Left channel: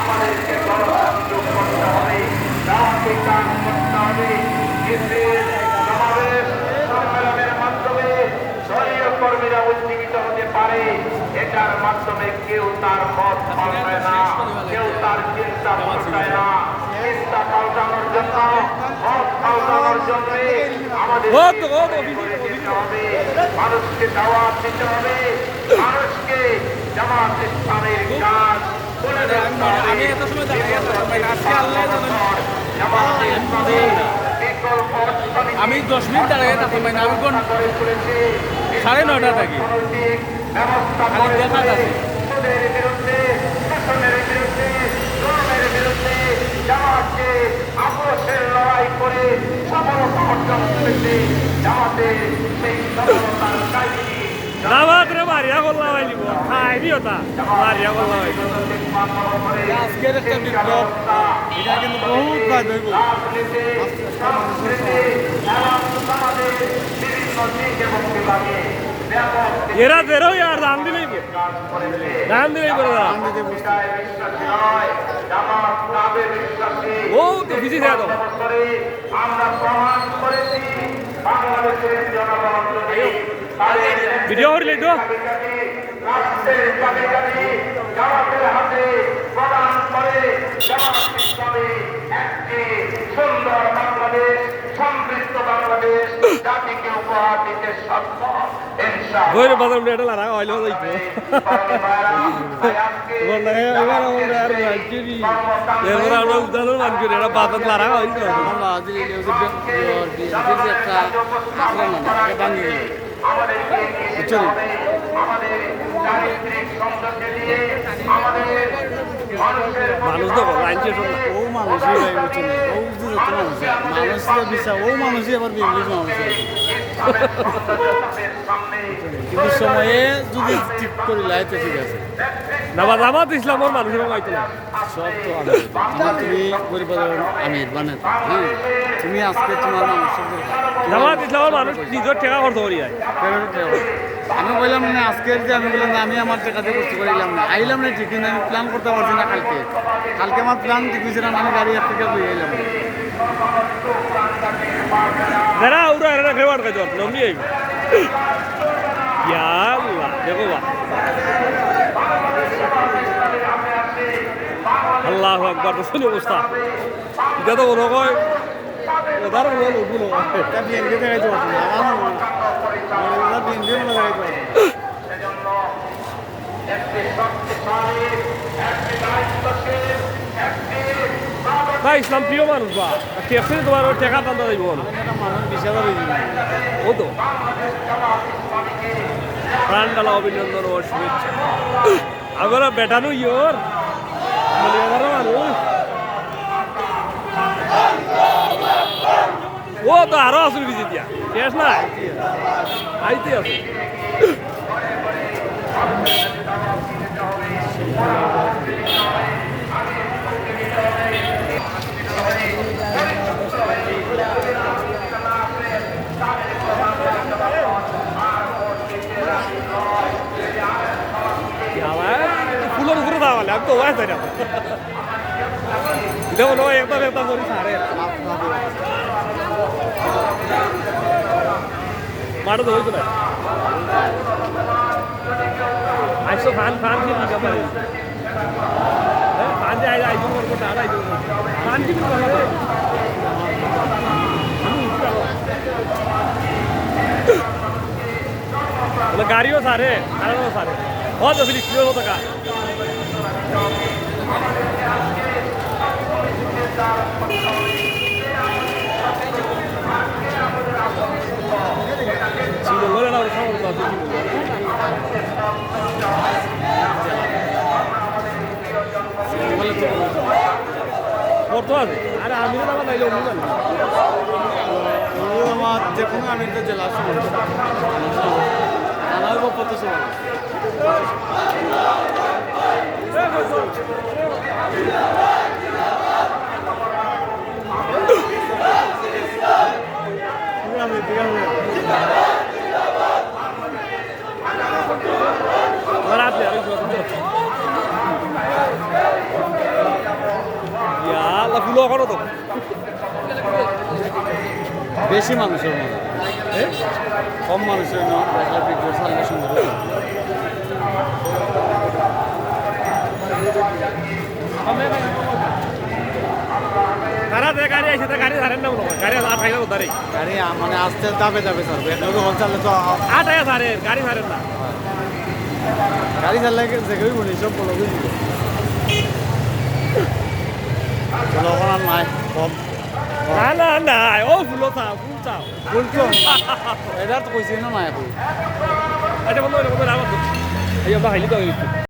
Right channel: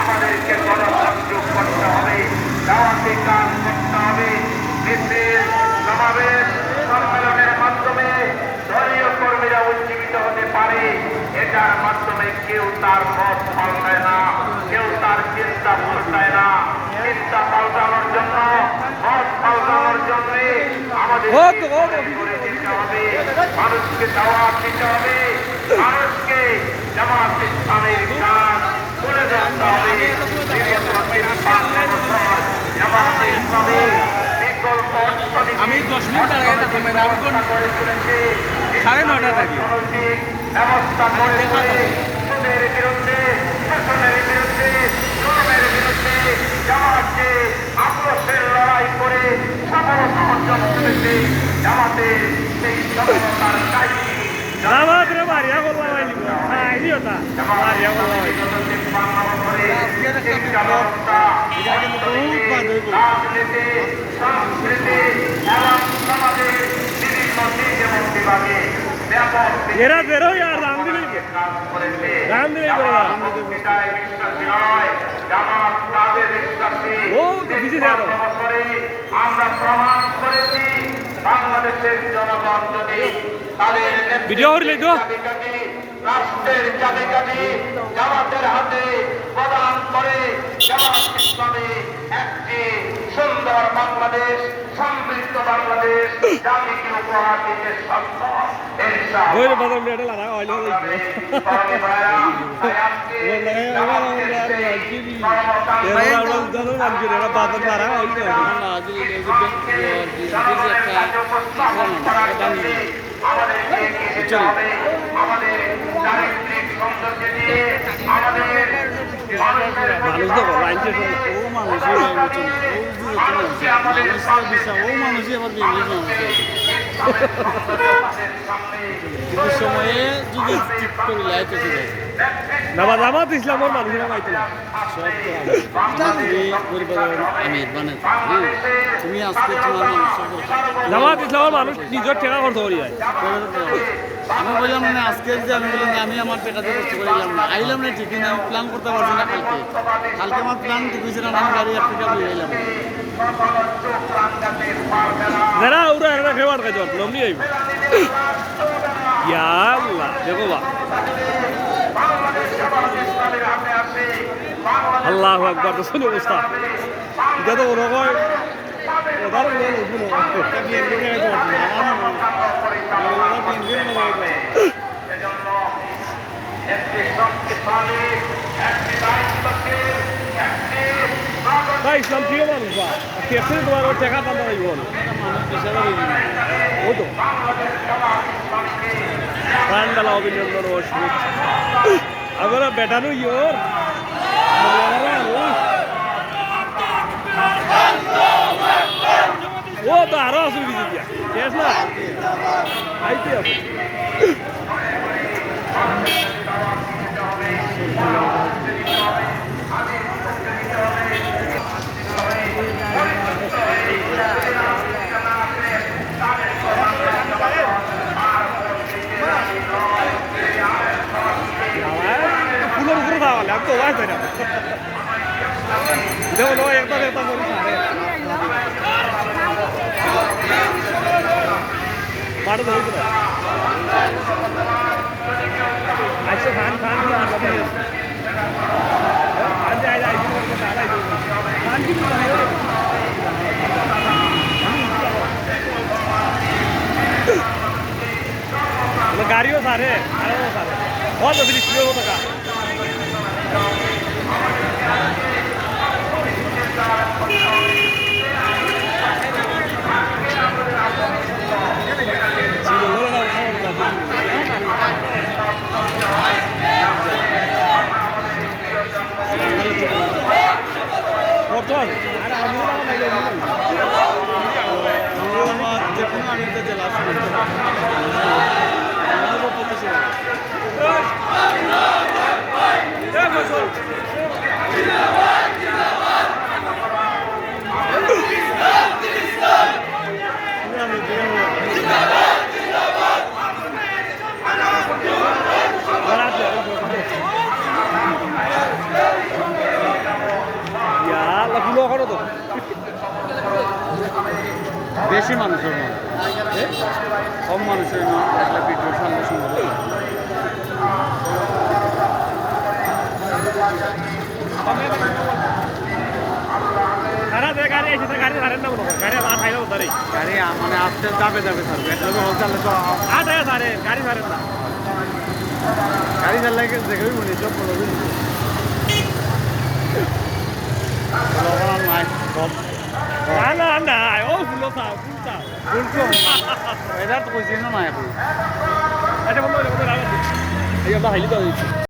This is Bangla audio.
আমাদেরকে গণসংযোগ করতে হবে, দাওয়াতি কাজ করতে হবে। মিছিল, সমাবেশ, সম্মেলনের মাধ্যমে দলীয় কর্মীরা উজ্জীবিত হতে পারে। এটার মাধ্যমে কেউ তার মত পাল্টায় না, কেউ তার চিন্তা পাল্টায় না। চিন্তা পাল্টানোর জন্য, মত পাল্টানোর জন্য আমাদের করে দিতে হবে, মানুষকে দাওয়াত দিতে হবে, মানুষকে জামাত ইসলামের কাজ তুলে ধরতে হবে। জামাত ইসলামের বিকল্প আমি 10 মিনিট করে তুলেছে, 9:30 থাকি ব্যবস্থা করে তুলে সুদের বিরুদ্ধে, শোষণের বিরুদ্ধে, জুলুমের বিরুদ্ধে জামাতকে আপোষের লড়াই করে সফলতা অর্জন করেছে। জামাতের সেই সফলতার কাহিনী জামাত রে মারিয়া করলাম আইলিব খাই দিও তা মারিয়া করলাম আইলিব এরা বেরো আর দাম দিলেই বেরো না ও তো বিজি দেয়া দাও আমরা প্রমাণ করেছি বাংলাদেশের জনগণ যদি ভিডিও হইলে তো রাষ্ট্রের চাবিকাঠি জামাতের হাতে প্রদান করে জামাত ইসলামী একটি সুন্দর বাংলাদেশ, সমৃদ্ধ বাংলাদেশ জাতিকে উপহার দিতে সক্ষম। বইরে বাজার মেডেল আর হইলো হইতো এরা আমরা উদাহরণ নাম করে এরা বাজার লারা হইতো মানুষ তো লাইন শেষ হল ও মানুষই মানুষই আবার সময়ে যদি ঠিক করে লাইতে ঠিক আছে জামাত ইসলামের মানুষের গাইতে না সব তো তুমি পরিবার আমির মানে তুমি আজকে তোমার জামাত ইসলামের মানুষ নিজের টেকা করতে পারি আমি বললাম না আজকের যে আমি বললাম আমি আমার টাকাতে করতে পারলাম না আইলাম না ঠিক না আমি প্ল্যান করতে পারছি না কালকে আমার প্ল্যান ঠিক হয়েছে না আমি গাড়ি একটা দিয়ে এলাম যারা ওরা এরা খেবার খাইতে পারতো নমনি আইব আল্লাহ দেখো বা আল্লাহ একবার তো শুনি অবস্থা এটা তো ওরা কয় ওদার বলো বিএনপি খাইতে পারতো না বিএনপি খাইতে না ইসলাম প্রিয় মানুষ বা টেকছে তোমার ওই টেকা টানতে যাইব মানুষ বেশি ও তো প্রাণডালা অভিনন্দন ও শুভেচ্ছা আবার বেটানো ইয়োর ও তো আরো আসুন কিছু দিয়া শেষ নাই আইতে আছে ফুলের উপরে থাকলে আমি তো ওয়াই চাই না দেখো নো একদম একদম করে সারে মারো তো হইতো না আইসো ফান ফান কি আগে পারে ফান যে আই আইসো করতে দাঁড়াই তো ফান কি ভালো হবে মানে গাড়িও সারে আরো সারে बहुत तो फिर इसलिए होता का चलो लो ना उठाओ ना और तो अरे आमिर ना नहीं लो नहीं वो हम देखो ना अभी तो जला से हमारे को पता चला আল্লাহ ফুলো করো তো বেশি মানুষের মনে কম মানুষের না দেখলে ভিডিও ছাড়লে শুনবো গাড়ি মানে আস্তে যাবে যাবে স্যার একলগে হল চাললে তো গাড়ি চাললে দেখেই বলি সব বলো বুঝলি আর নাই সব বলছো এটা তো কইছি না নাই আপনি আচ্ছা বন্ধু এই আমরা হাইলি তো হয়েছি